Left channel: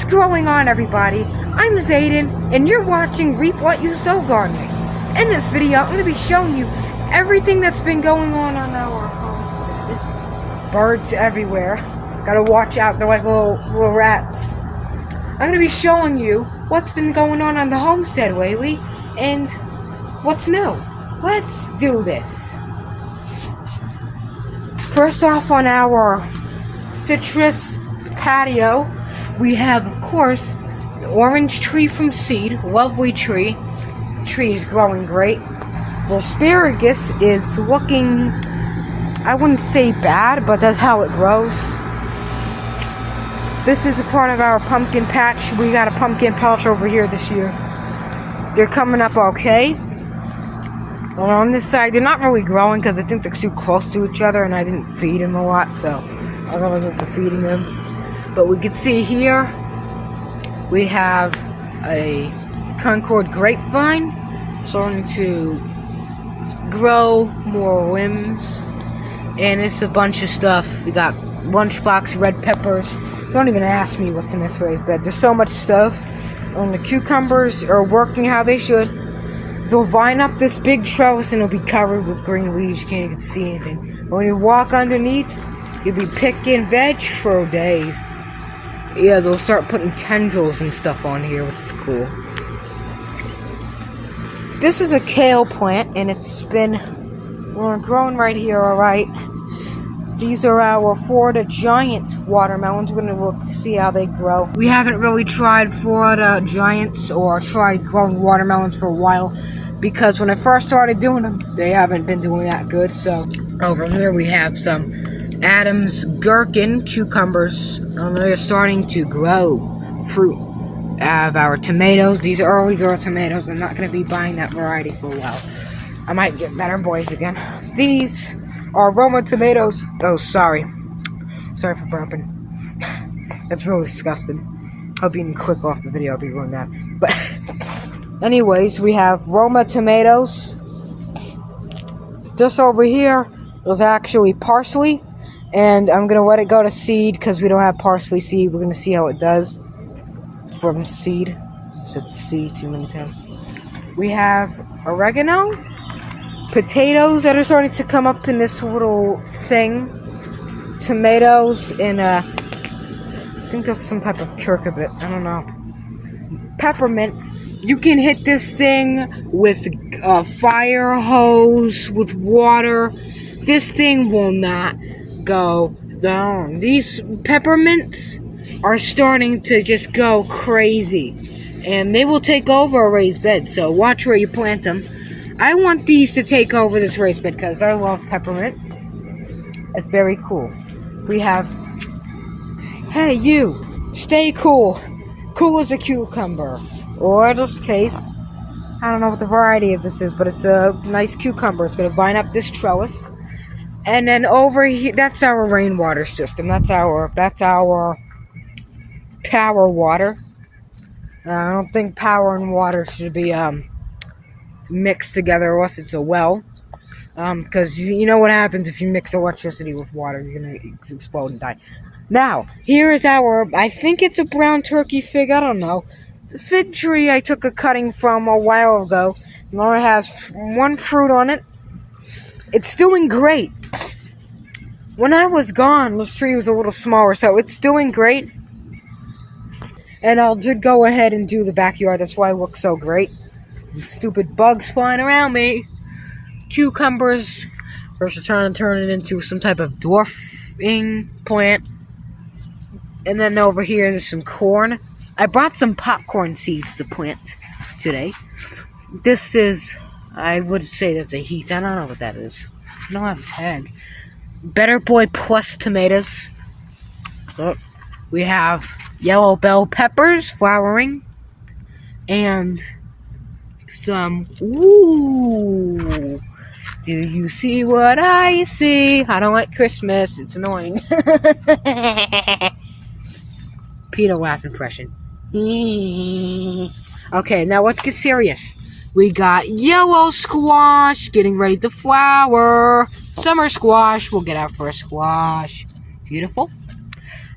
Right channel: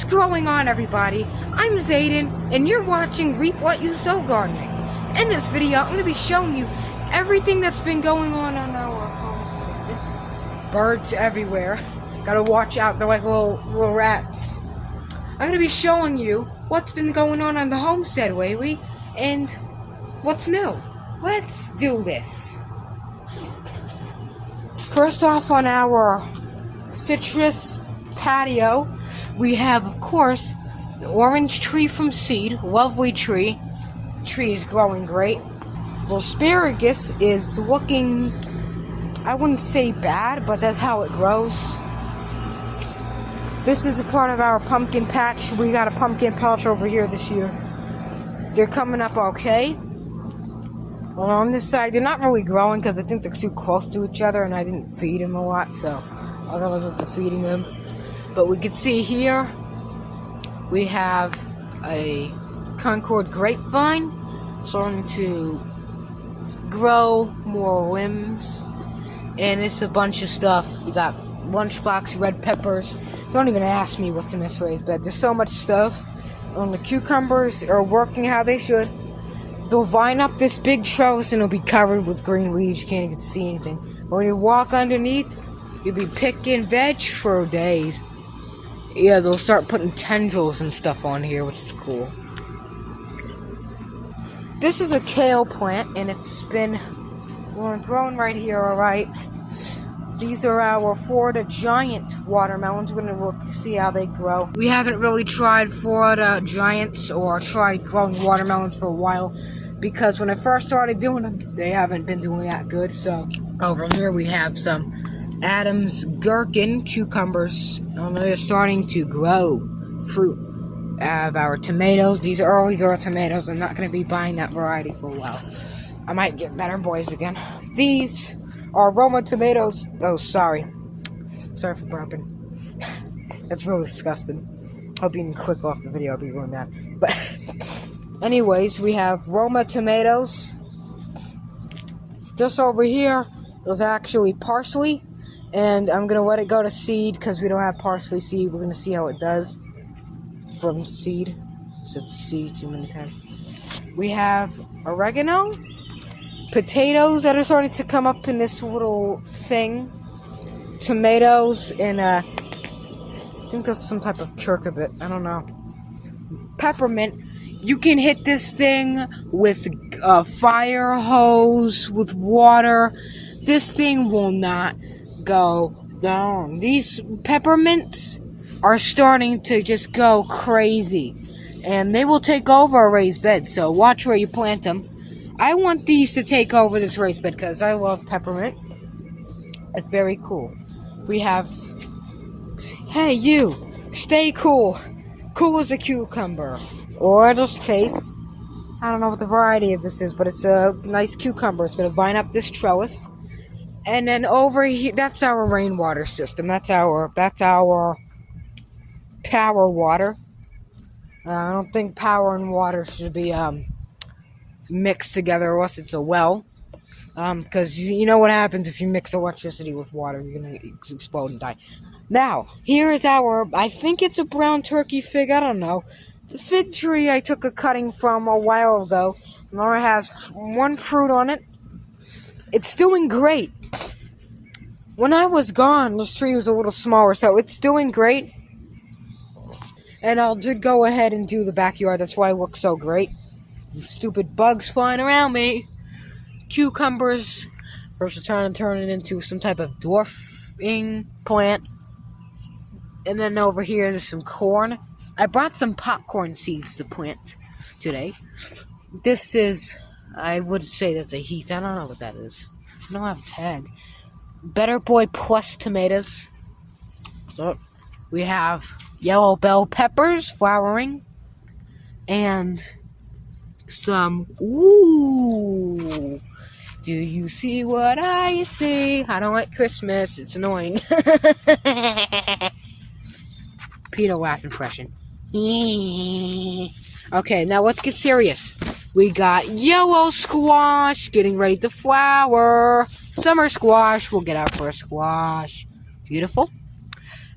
What's going on, everybody? I'm Zayden, and you're watching Reap What You Sow Gardening. In this video, I'm going to be showing you everything that's been going on our homestead. Birds everywhere. Gotta watch out, they're like little rats. I'm going to be showing you what's been going on the homestead lately, and what's new. Let's do this. First off, on our citrus patio, we have, of course, the orange tree from seed. Lovely tree. Tree is growing great. The asparagus is looking, I wouldn't say bad, but that's how it grows. This is a part of our pumpkin patch. We got a pumpkin patch over here this year. They're coming up okay. And on this side, they're not really growing because I think they're too close to each other and I didn't feed them a lot, so I'm going to get to feeding them. But we can see here, we have a Concord grapevine starting to grow more limbs, and it's a bunch of stuff. We got lunchbox red peppers. Don't even ask me what's in this raised bed. There's so much stuff. The cucumbers are working how they should. They'll vine up this big trellis and it'll be covered with green leaves. You can't even see anything. When you walk underneath, you'll be picking veg for days. Yeah, they'll start putting tendrils and stuff on here, which is cool. This is a kale plant, and it's been growing right here, alright. These are our Florida Giant watermelons. We're going to see how they grow. We haven't really tried Florida Giants or tried growing watermelons for a while, because when I first started doing them, they haven't been doing that good. So over here we have some Adams gherkin cucumbers. They're starting to grow fruit. I have our tomatoes. These are early girl tomatoes. I'm not going to be buying that variety for a while. I might get better boys again. These are Roma tomatoes. Oh, sorry. Sorry for burping. That's really disgusting. Hope you can click off the video. I'll be doing that. But anyways, we have Roma tomatoes. This over here is actually parsley. And I'm going to let it go to seed because we don't have parsley seed. We're going to see how it does from seed. So it's seed too many times. We have oregano. Potatoes that are starting to come up in this little thing. Tomatoes and I think that's some type of cucurbit. I don't know. Peppermint. You can hit this thing with a fire hose, with water. This thing will not go down. These peppermints are starting to just go crazy, and they will take over a raised bed, so watch where you plant them. I want these to take over this raised bed because I love peppermint. It's very cool. We have, hey you, stay cool. Cool as a cucumber. Or in this case, I don't know what the variety of this is, but it's a nice cucumber. It's going to vine up this trellis. And then over here, that's our rainwater system. That's our power water. I don't think power and water should be mixed together unless it's a well. Because you know what happens if you mix electricity with water. You're going to explode and die. Now, here is our, I think it's a brown turkey fig. I don't know. The fig tree I took a cutting from a while ago. Laura has one fruit on it. It's doing great. When I was gone, this tree was a little smaller, so it's doing great. And I did go ahead and do the backyard. That's why it looks so great. The stupid bugs flying around me. Cucumbers. First, we're trying to turn it into some type of dwarfing plant. And then over here, there's some corn. I brought some popcorn seeds to plant today. This is, I would say that's a Heath. I don't know what that is. I don't have a tag. Better Boy Plus tomatoes. We have yellow bell peppers flowering. And some, ooh. Do you see what I see? I don't like Christmas. It's annoying. Peter laugh impression. Okay, now let's get serious. We got yellow squash getting ready to flower. Summer squash. We'll get our first squash. Beautiful.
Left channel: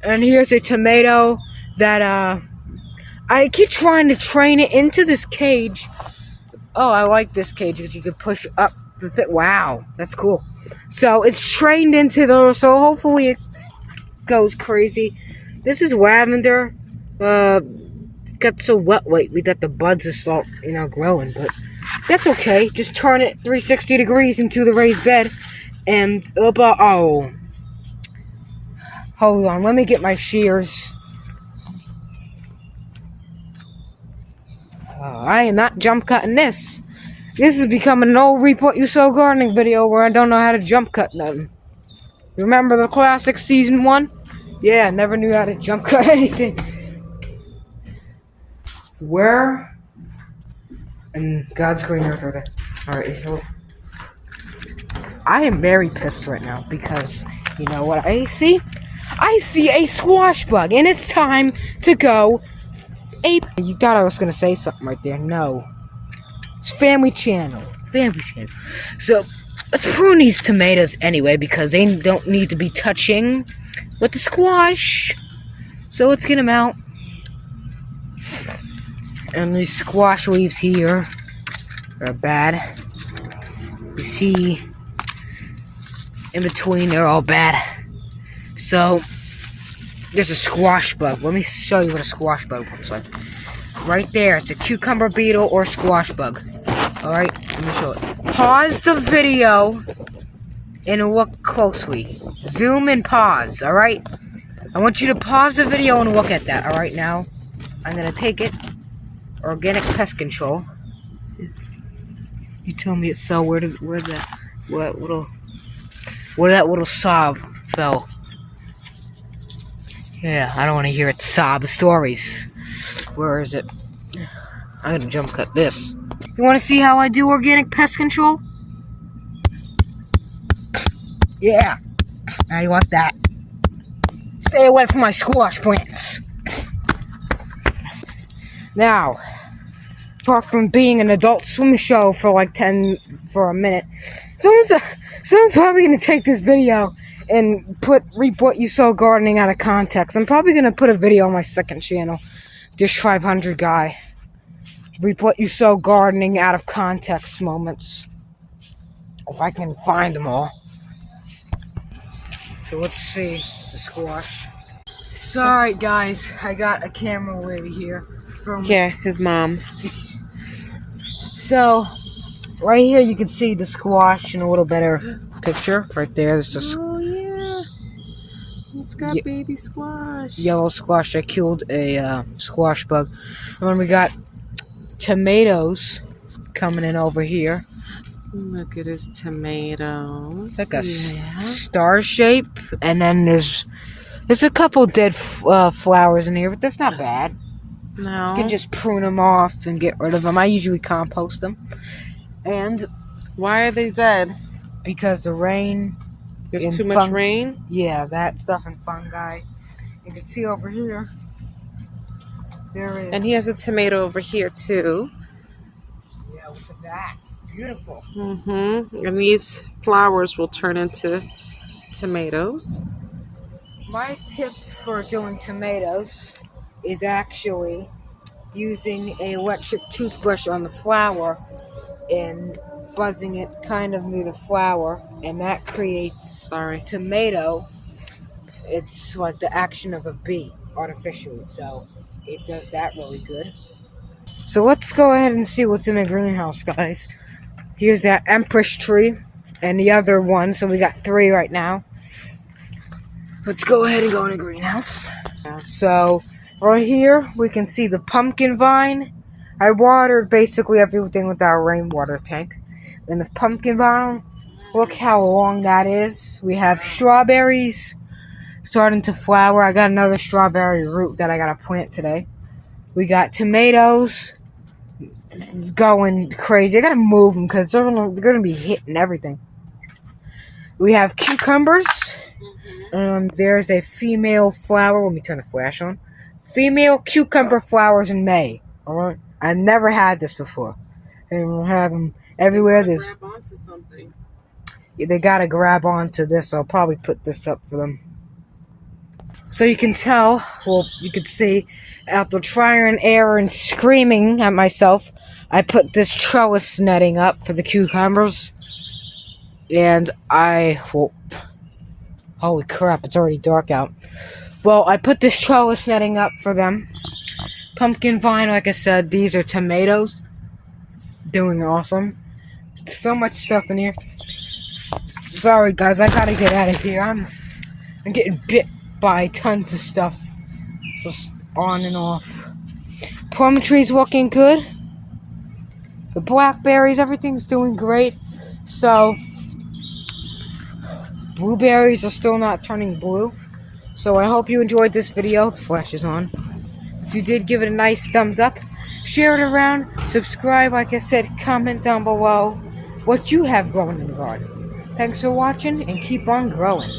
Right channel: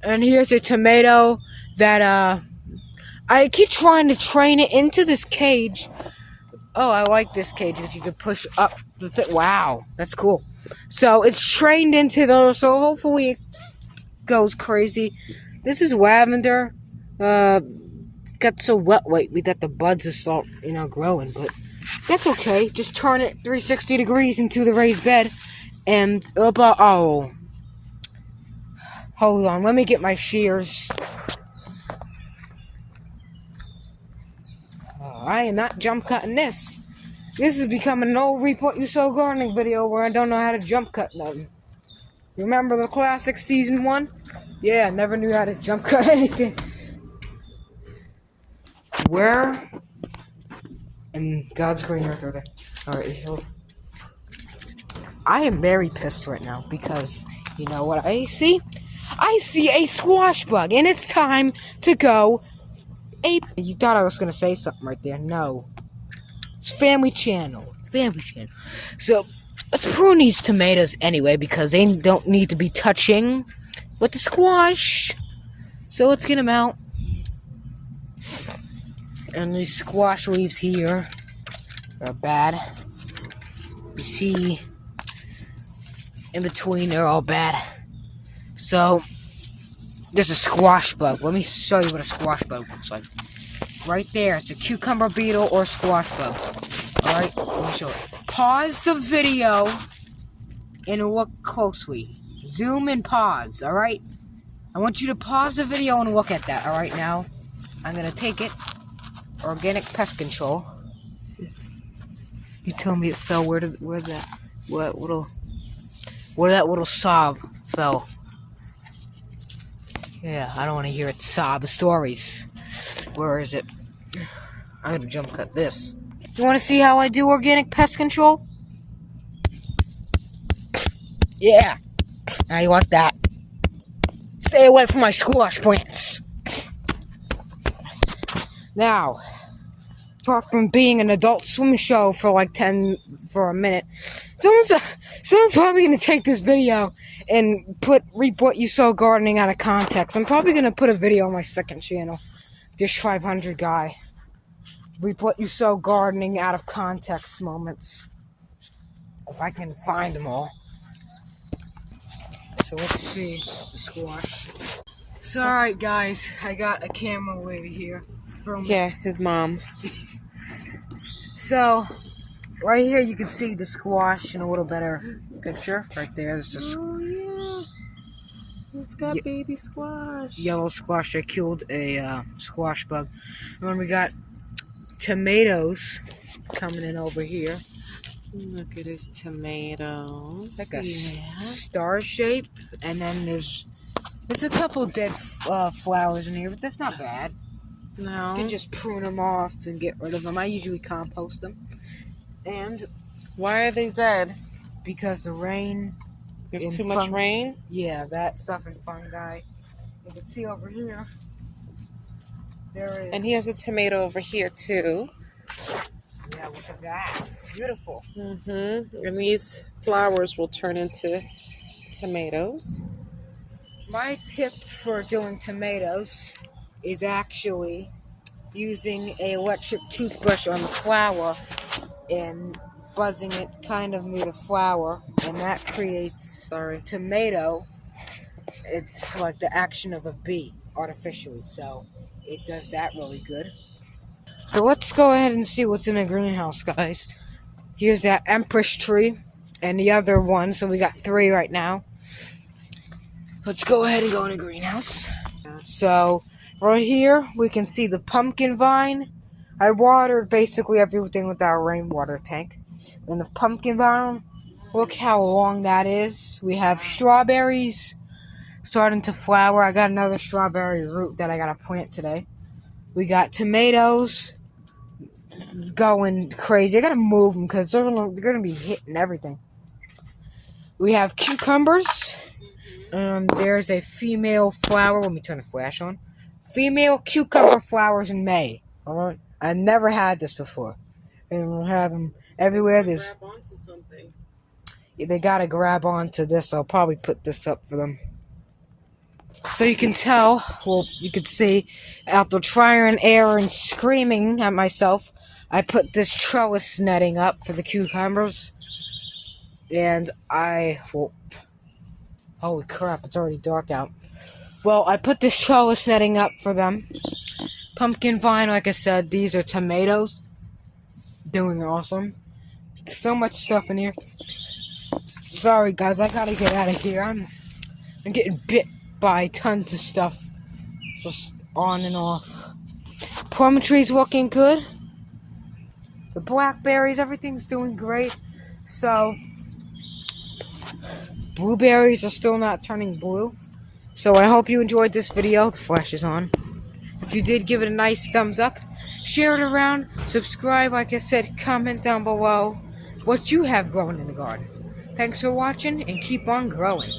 And here's a tomato that I keep trying to train it into this cage. Oh, I like this cage because you could push up the thing. Wow, that's cool. So it's trained into those, so hopefully it goes crazy. This is lavender. Got so wet lately that the buds are start, growing, but that's okay. Just turn it 360 degrees into the raised bed, and oh, hold on, let me get my shears. I am not jump cutting this. This is becoming an old Reap What You Sow gardening video where I don't know how to jump cut nothing. Remember the classic season 1? Yeah, never knew how to jump cut anything. Where? And God's green earth right there. Alright, I am very pissed right now because, you know what I see? I see a squash bug, and it's time to go ape. You thought I was gonna say something right there. No. It's Family Channel. Family Channel. So, let's prune these tomatoes anyway because they don't need to be touching with the squash. So let's get them out. And these squash leaves here are bad. You see, in between, they're all bad. So, there's a squash bug. Let me show you what a squash bug looks like. Right there, it's a cucumber beetle or squash bug. Alright, let me show it. Pause the video and look closely. Zoom and pause, alright? I want you to pause the video and look at that, alright? Now, I'm gonna take it. Organic pest control. You tell me it fell. Where that little sob fell? Yeah, I don't want to hear it sob stories. Where is it? I'm gonna jump cut this. You want to see how I do organic pest control? Yeah. Now you want that. Stay away from my squash plants. Now, apart from being an Adult Swim show for like for a minute, someone's probably gonna take this video and Reap What You Sow gardening out of context. I'm probably gonna put a video on my second channel, Dish 500 guy. Reap What You Sow gardening out of context moments. If I can find them all. So let's see the squash. So alright guys, I got a camera over here. Yeah, his mom. So, right here you can see the squash in a little better picture. Right there, there's just Oh yeah, it's got baby squash. Yellow squash. I killed a squash bug. And then we got tomatoes coming in over here. Look at his tomatoes. It's like a star shape, and then there's a couple dead flowers in here, but that's not bad. No. You can just prune them off and get rid of them. I usually compost them. And why are they dead? because the rain. There's too much rain? Yeah, that stuff and fungi. You can see over here. There is. And he has a tomato over here too. Yeah, look at that. Beautiful. Mm-hmm. And these flowers will turn into tomatoes. My tip for doing tomatoes is actually using an electric toothbrush on the flower and buzzing it kind of near the flower, and that creates tomato. It's like the action of a bee artificially, so it does that really good. So let's go ahead and see what's in the greenhouse, guys. Here's that Empress tree and the other one, so we got 3 right now. Let's go ahead and go in the greenhouse. So right here we can see the pumpkin vine. I watered basically everything with our rainwater tank. And the pumpkin vine, look how long that is. We have strawberries starting to flower. I got another strawberry root that I gotta plant today. We got tomatoes. It's going crazy. I gotta move them because they're gonna be hitting everything. We have cucumbers. There's a female flower. Let me turn the flash on. Female cucumber flowers in May. Alright? I've never had this before. And we'll have them everywhere. There's. Grab onto something. Yeah, they gotta grab onto this. I'll probably put this up for them. So you can tell, well, you can see, after trying air and screaming at myself, I put this trellis netting up for the cucumbers. And well, holy crap, it's already dark out. Well, I put this trellis netting up for them. Pumpkin vine, like I said, these are tomatoes. Doing awesome. So much stuff in here. Sorry guys, I gotta get out of here. I'm getting bit by tons of stuff. Just on and off. Plum tree's looking good. The blackberries, everything's doing great. So, blueberries are still not turning blue. So I hope you enjoyed this video. The flash is on. If you did, give it a nice thumbs up. Share it around. Subscribe, like I said. Comment down below what you have growing in the garden. Thanks for watching and keep on growing.